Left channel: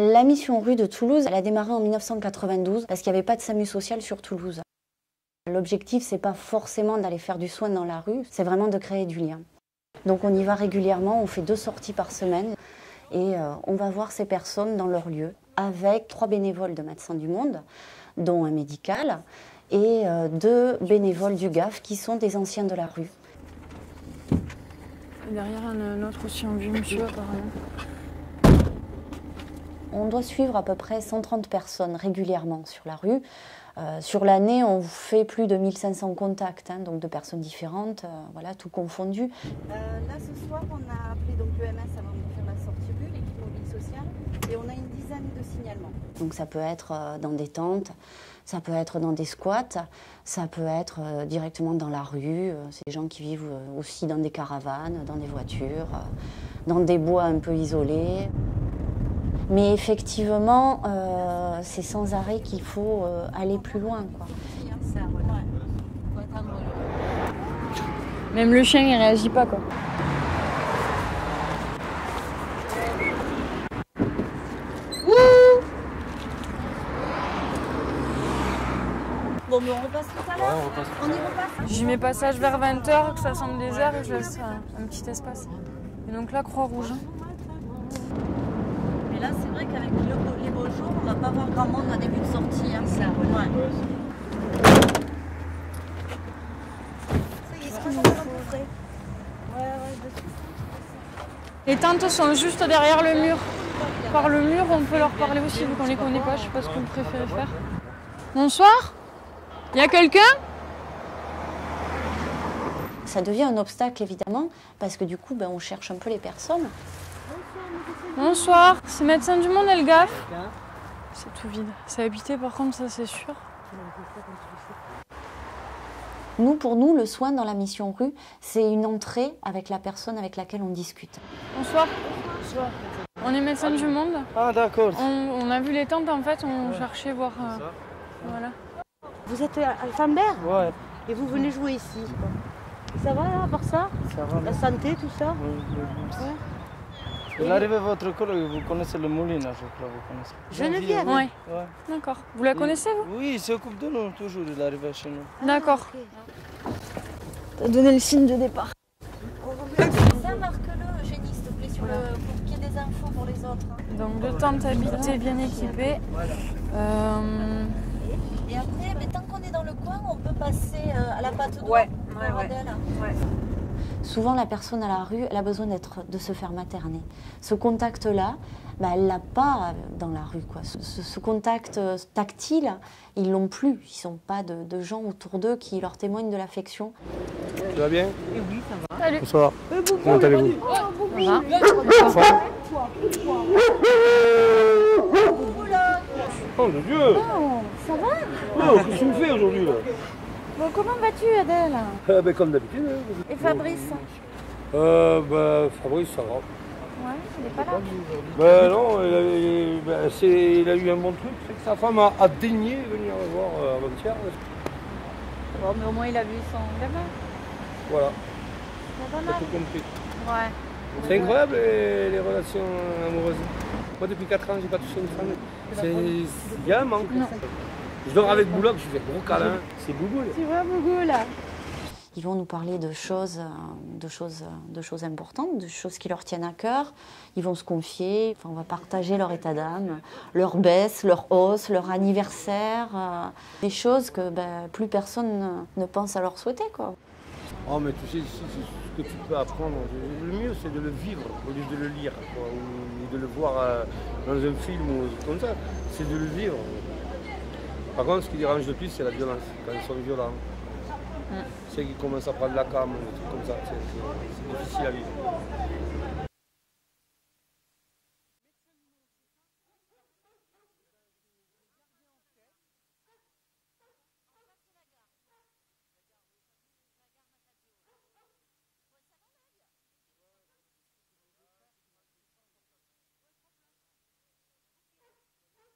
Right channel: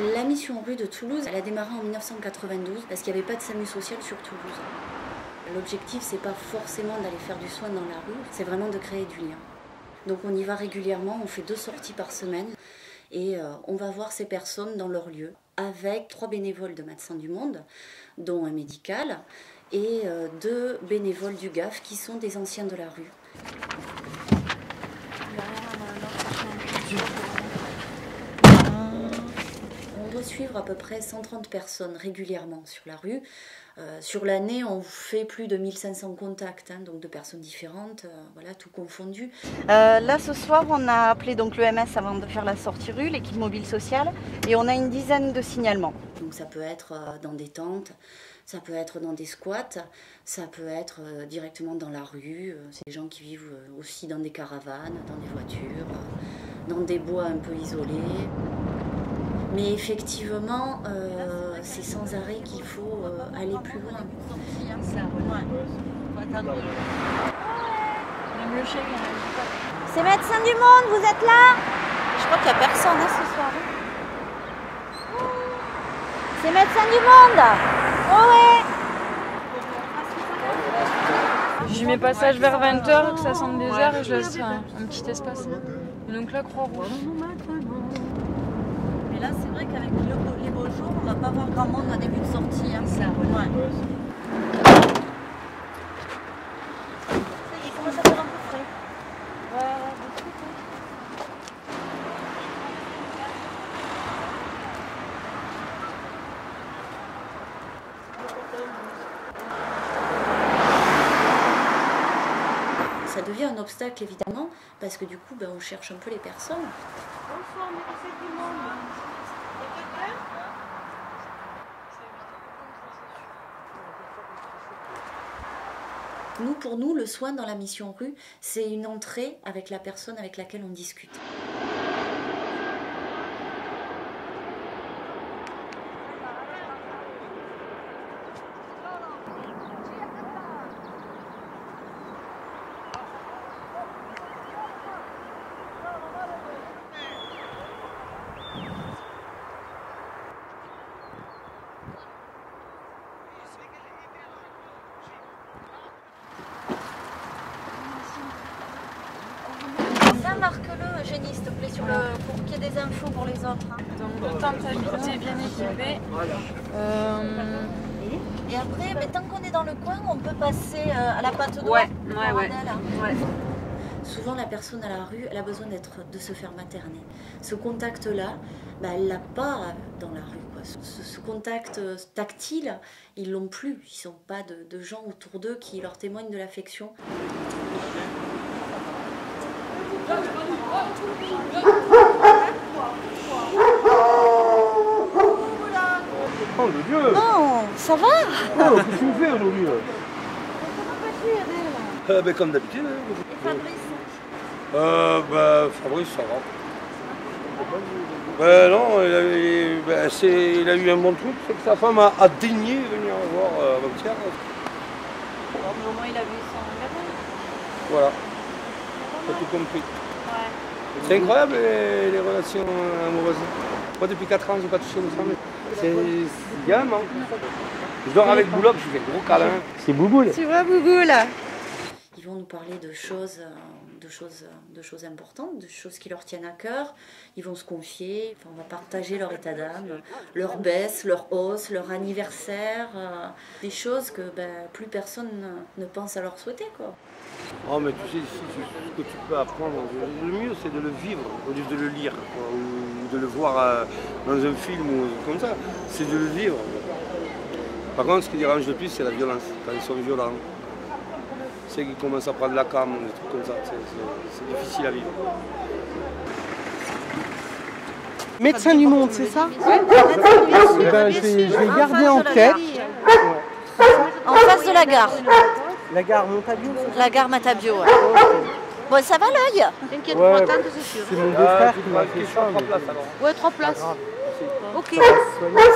La mission rue de Toulouse, elle a démarré en 1992 parce qu'il n'y avait pas de SAMU social sur Toulouse. L'objectif, c'est pas forcément d'aller faire du soin dans la rue, c'est vraiment de créer du lien. Donc on y va régulièrement, on fait 2 sorties par semaine et on va voir ces personnes dans leur lieu avec 3 bénévoles de Médecins du Monde, dont un médical, et 2 bénévoles du GAF qui sont des anciens de la rue. Derrière, on a un autre aussi en mesure. On doit suivre à peu près 130 personnes régulièrement sur la rue. Sur l'année, on fait plus de 1500 contacts, donc de personnes différentes, voilà, tout confondu. Là, ce soir, on a appelé donc l'EMS avant de faire la sortie rue, l'équipe mobile sociale, et on a une dizaine de signalements. Donc ça peut être dans des tentes, ça peut être dans des squats, ça peut être directement dans la rue. C'est des gens qui vivent aussi dans des caravanes, dans des voitures, dans des bois un peu isolés. Mais effectivement, c'est sans arrêt qu'il faut aller plus loin, quoi. Même le chien, il réagit pas, quoi. C'est Médecins du Monde, vous êtes là? Je crois qu'il n'y a personne ce soir. Ouh, c'est Médecins du Monde. Oh ouais. Bon, on repasse tout à l'heure. J'y mets passage vers 20h, que ça sente désert, et je laisse un petit espace. Et donc là, Croix-Rouge. Mais là, c'est vrai qu'avec les beaux jours, on va pas voir grand monde en début de sortie. Hein. Ça, ouais. Les tentes sont juste derrière le mur. Par le mur, on peut leur parler aussi, vu qu'on les connaît pas. Je sais pas ce que vous préférez faire. Bonsoir. Il y a quelqu'un? Ça devient un obstacle, évidemment, parce que du coup, on cherche un peu les personnes. Bonsoir. C'est Médecins du Monde, elle GAF. C'est tout vide. C'est habité, par contre, ça c'est sûr. Pour nous, le soin dans la mission rue, c'est une entrée avec la personne avec laquelle on discute. Bonsoir. On est Médecins du Monde. Ah d'accord. On a vu les tentes, en fait, on cherchait voir... voilà. Vous êtes à Fambert? Ouais. Et vous venez jouer ici? Ça va là, pour ça? Ça va. La santé, tout ça? Il arrive à votre collègue, vous connaissez le Moulin, là, je crois. Vous connaissez. Geneviève? Ouais. Ouais. D'accord. Vous la connaissez, vous? Oui, il s'occupe de nous toujours, il arrive chez nous. D'accord. Pour donner le signe de départ. Ça, marque-le, Eugénie, s'il te plaît, pour qu'il y ait des infos pour les autres. Hein. Donc, 2 tentes habitées, bien équipées. Et après, tant qu'on est dans le coin, on peut passer à la pâte d'eau. Ouais. Souvent, la personne à la rue, elle a besoin de se faire materner. Ce contact-là, elle ne l'a pas dans la rue, quoi. Ce contact tactile, ils ne l'ont plus. Ils n'ont pas de gens autour d'eux qui leur témoignent de l'affection. Tu vas bien? Salut. Bonsoir. Comment allez-vous? Oh le Dieu! Oh, ça va? Oh, qu'est-ce que tu me fais aujourd'hui là? Bon, comment vas-tu, Adèle? Comme d'habitude. Et Fabrice? Fabrice, ça va. Non, il a eu un bon truc, c'est que sa femme a daigné venir voir avant-hier. Oh, mais au moins, il a vu son gamin. Voilà. J'ai tout compris. Ouais. C'est incroyable les relations amoureuses. Moi depuis 4 ans, je n'ai pas touché une femme. Il y a un manque. Je dors avec Boulogne, je fais gros câlin. C'est Bouboule. Tu vois, Bouboule? Ils vont nous parler de choses importantes, de choses qui leur tiennent à cœur. Ils vont se confier, on va partager leur état d'âme, leur baisse, leur hausse, leur anniversaire. Des choses que plus personne ne pense à leur souhaiter, quoi. Oh mais tu sais, ici, ce que tu peux apprendre, le mieux c'est de le vivre au lieu de le lire, quoi, ou de le voir dans un film ou comme ça, c'est de le vivre. Par contre, ce qui dérange le plus, c'est la violence, quand ils sont violents. C'est qu'ils commencent à prendre la cam, des trucs comme ça, c'est difficile à vivre. Médecins du Monde, c'est ça? Oui. Je vais garder en tête. En face de la gare. La gare Montabio? La gare Matabio, ouais. Bon, ça va l'œil? T'inquiète Ouais, pas, tante, c'est sûr. c'est mon beau-frère qui m'a fait ça. Ouais, 3 places. Ok,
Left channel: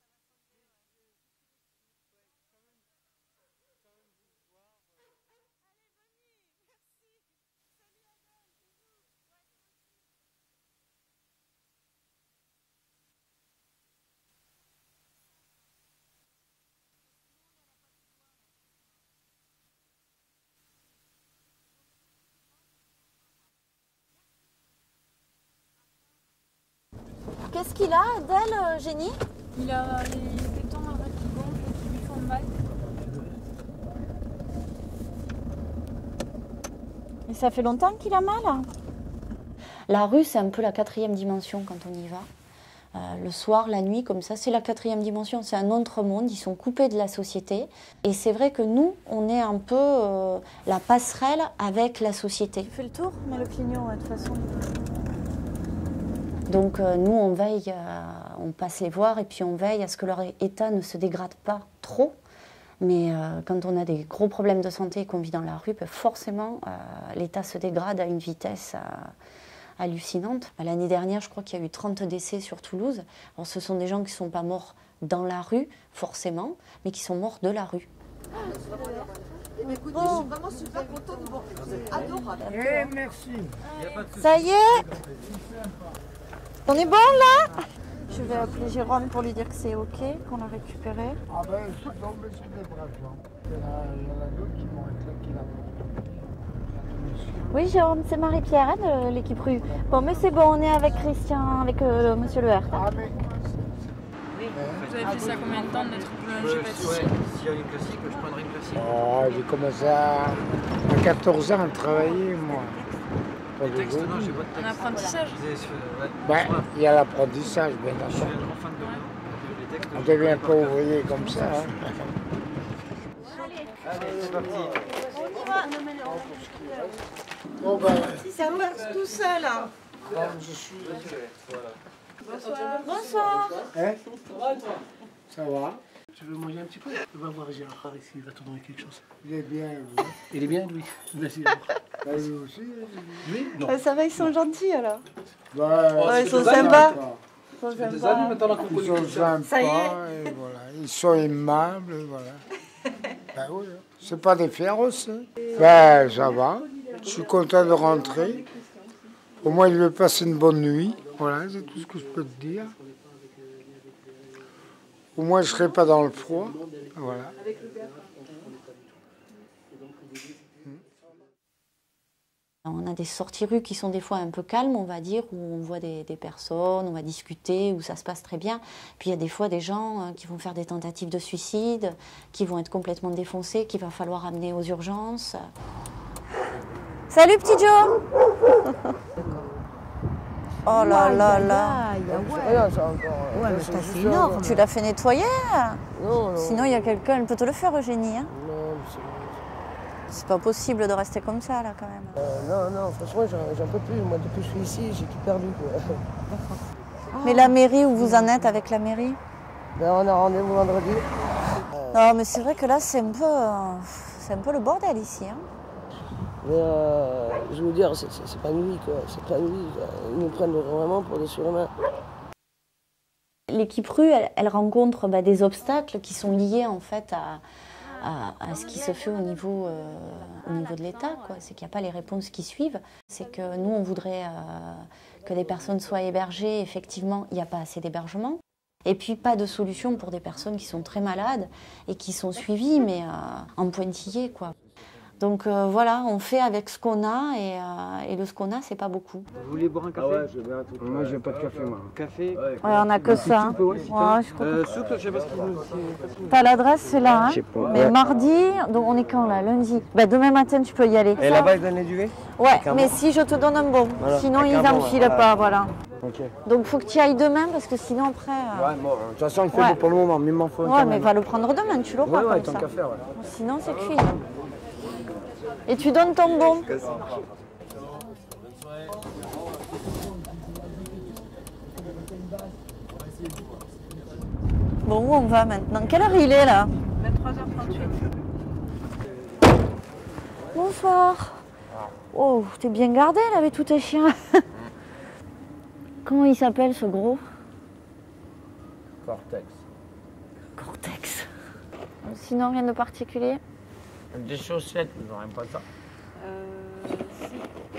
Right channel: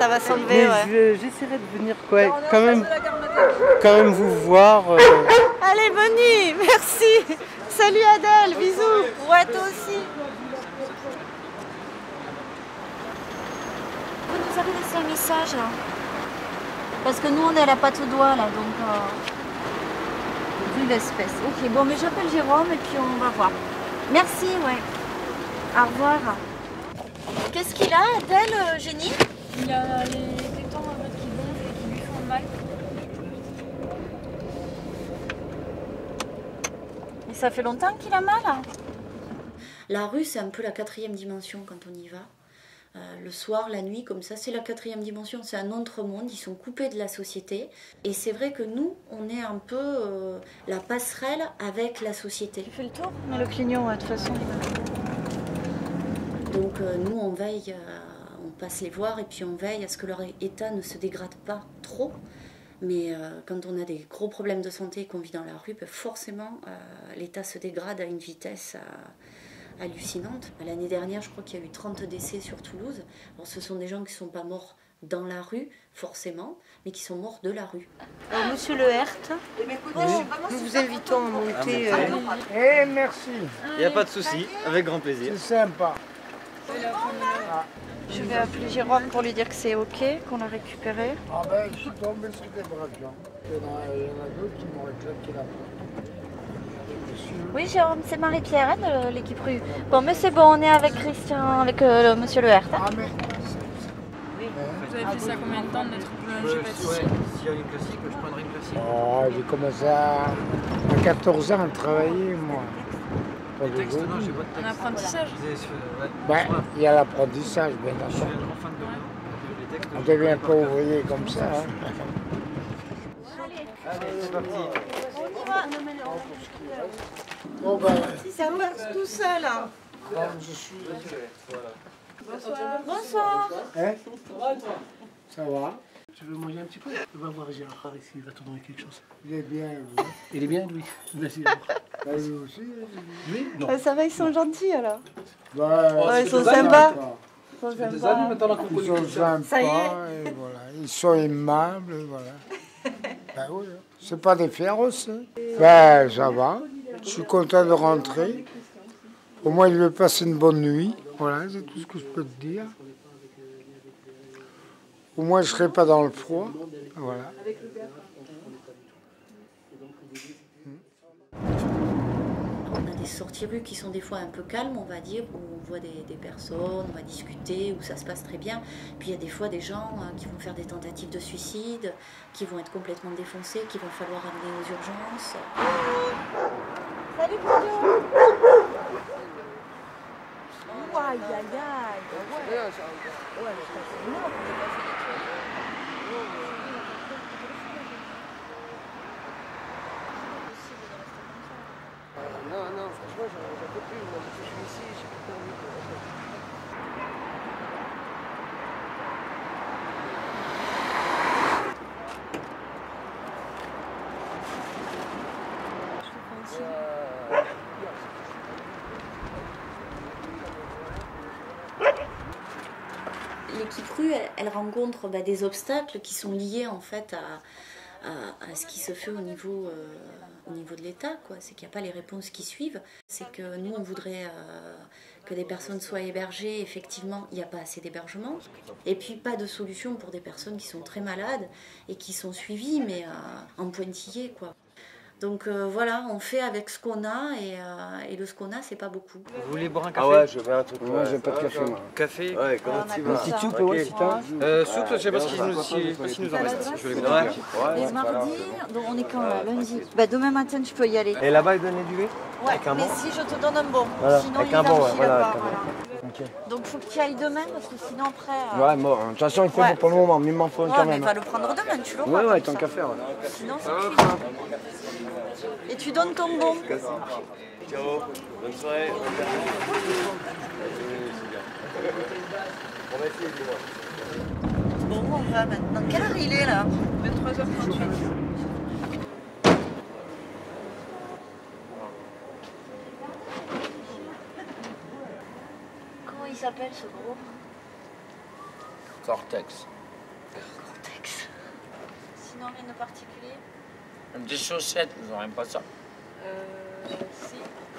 ça va s'enlever, Mais ouais. j'essaierai de venir quand même vous voir. Allez, bonne nuit, merci. Salut Adèle, bisous. Ouais, toi aussi. Vous nous avez laissé un message là. Parce que nous on est à la patte au doigt là, donc vu l'espèce. Ok, bon mais j'appelle Jérôme et puis on va voir. Merci, ouais. Au revoir. Qu'est-ce qu'il a, Adèle, Génie? Il a les tétons en mode qui gonflent et qui lui font mal. Et ça fait longtemps qu'il a mal hein? La rue, c'est un peu la 4e dimension quand on y va. Le soir, la nuit, comme ça, c'est la 4e dimension, c'est un autre monde, ils sont coupés de la société. Et c'est vrai que nous, on est un peu la passerelle avec la société. Tu fais le tour? Mais le clignon, de toute façon. Donc nous, on veille, on passe les voir et puis on veille à ce que leur état ne se dégrade pas trop. Mais quand on a des gros problèmes de santé et qu'on vit dans la rue, forcément, l'état se dégrade à une vitesse hallucinante. L'année dernière, je crois qu'il y a eu 30 décès sur Toulouse. Alors, ce sont des gens qui ne sont pas morts dans la rue, forcément, mais qui sont morts de la rue. Monsieur Le Hert. Nous vous invitons à monter. Eh, merci. Il n'y a pas de souci, Ça y est avec grand plaisir. C'est sympa. On est bon là? Je vais appeler Jérôme pour lui dire que c'est ok, qu'on l'a récupéré. Ah ben, je suis tombé sur des bras de gens. Il y en a d'autres qui m'auraient claqué la porte. Oui Jérôme, c'est Marie-Pierre de l'équipe rue. Bon mais c'est bon, on est avec Christian, avec monsieur Le Hert. Ah mais... Vous avez fait ça combien de temps d'être boulanger pâtissier? S'il y a une classique, je prendrai une classique. Oh, j'ai commencé à 14 ans à travailler, moi. Les textes, non, j'ai pas de Un texte. apprentissage? Ben, il y a l'apprentissage, bien Je suis sûr. un grand fan de les textes. On devient pas ouvrier comme ça. Hein. Allez, c'est parti. Bon ben, Si ça marche tout seul. Hein. je suis... Bonsoir. Hein? Ça va? Tu veux manger un petit peu? Va voir Gérard ici, il va te donner quelque chose. Il est bien, lui. Il est bien, lui. Vas-y, Ben, lui aussi. lui? Non. Ça va, ils sont gentils alors. Ben, ils sont sympas. Ça fait des années maintenant qu'on Ils connaît sont Christian. Ça y est. sympas, et voilà. Ils sont aimables, et voilà. Ben oui, hein. C'est pas des féroces. Hein. Ben, ça va. Je suis content de rentrer. Au moins, il veut passer une bonne nuit. Voilà, c'est tout ce que je peux te dire. Au moins, je ne serai pas dans le froid. Voilà. On a des sorties rues qui sont des fois un peu calmes, on va dire, où on voit des personnes, on va discuter, où ça se passe très bien. Puis il y a des fois des gens qui vont faire des tentatives de suicide, qui vont être complètement défoncés, qu'il va falloir amener aux urgences. Salut petit Joe. Oh là là là. C'est énorme. Tu l'as fait nettoyer? Sinon il y a quelqu'un, elle peut te le faire Eugénie. Hein. C'est pas possible de rester comme ça là quand même. Non, franchement, j'en peux plus. Moi, depuis que je suis ici, j'ai tout perdu. Mais la mairie, où vous en êtes avec la mairie? Ben, on a rendez-vous vendredi. Non mais c'est vrai que là c'est un peu le bordel ici. Hein. Mais je veux dire, c'est pas une vie, quoi. C'est pas une vie. Ils nous prennent vraiment pour des surhumains. L'équipe rue, elle rencontre des obstacles qui sont liés en fait à ce qui se fait au niveau de l'État. C'est qu'il n'y a pas les réponses qui suivent. C'est que nous, on voudrait que des personnes soient hébergées. Effectivement, il n'y a pas assez d'hébergement. Et puis, pas de solution pour des personnes qui sont très malades et qui sont suivies, mais en pointillé, quoi. Donc voilà, on fait avec ce qu'on a et de ce qu'on a, c'est pas beaucoup. Vous voulez boire un café? Ah ouais, je veux un truc. Moi, j'ai pas de café, moi. Café? Ouais, On a que ça. soupe, ouais, Soupe, je sais pas ce qu'ils nous T'as l'adresse, c'est là. Hein. Mais mardi, donc on est quand là? Lundi. Demain matin, tu peux y aller. Et là-bas, ils donnent les duvets? Ouais, mais si je te donne un bon. Voilà, Sinon, avec ils un bon, n'enfilent voilà. pas, voilà. Ok. Donc faut que tu y ailles demain parce que sinon après. Ouais, mort. De toute façon, il fait Ouais. bon pour le moment, mais il m'en faut un Ouais, quand mais même. va le prendre demain, tu l'auras. Ouais, comme tant ça. qu'à faire. Ouais. Sinon, c'est cuit. Et tu donnes ton bon. Bonne soirée. Bon, où on va maintenant? Quelle heure il est là? 23h38. Bonsoir. Oh, t'es bien gardé là avec tous tes chiens. Comment il s'appelle ce gros? Cortex. Cortex. Sinon, rien de particulier? Des chaussettes, nous n'aurons pas ça.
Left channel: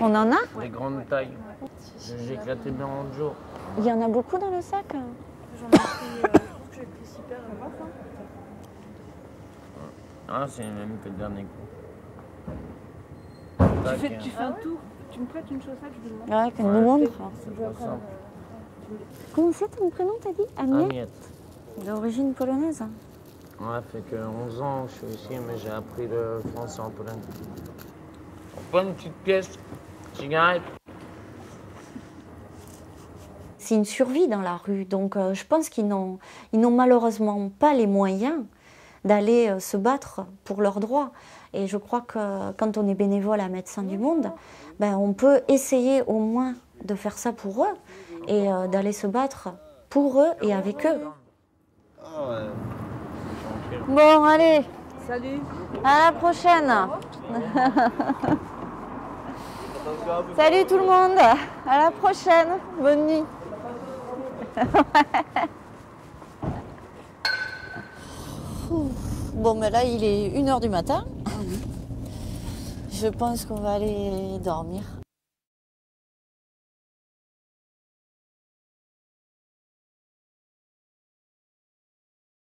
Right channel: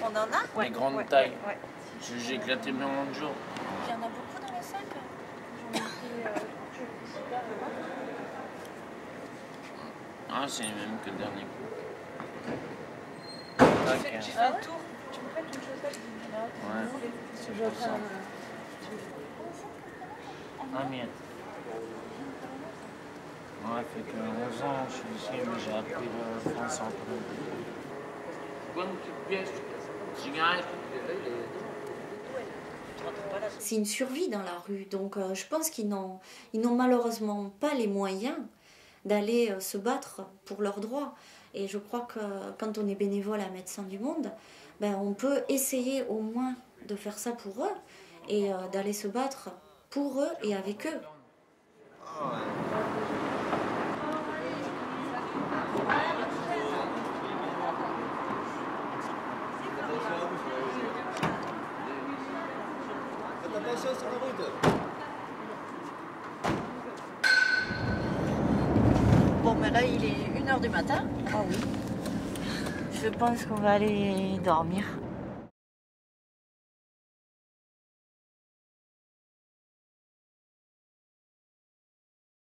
On en a? Des grandes tailles. J'ai éclaté bien mon jour. Il y en a beaucoup dans le sac? J'en ai pris Ah, c'est les mêmes que le dernier coup. Tu fais le tour. Tu me prêtes une chaussette du Ouais, comme le monde. Comment c'est ton prénom, t'as dit Agnès Agnès. D'origine polonaise. Ouais, fait que 11 ans, je suis ici, mais j'ai appris le français en polonais. Bonne petite pièce, cigarette. C'est une survie dans la rue, donc je pense qu'ils n'ont malheureusement pas les moyens d'aller se battre pour leurs droits. Et je crois que quand on est bénévole à Médecins du Monde, ben, on peut essayer au moins de faire ça pour eux et d'aller se battre pour eux et avec eux. Bon, allez, Salut. à la prochaine. Salut tout le monde, à la prochaine, bonne nuit. Bon, mais là, il est 1h du matin. Je pense qu'on va aller dormir.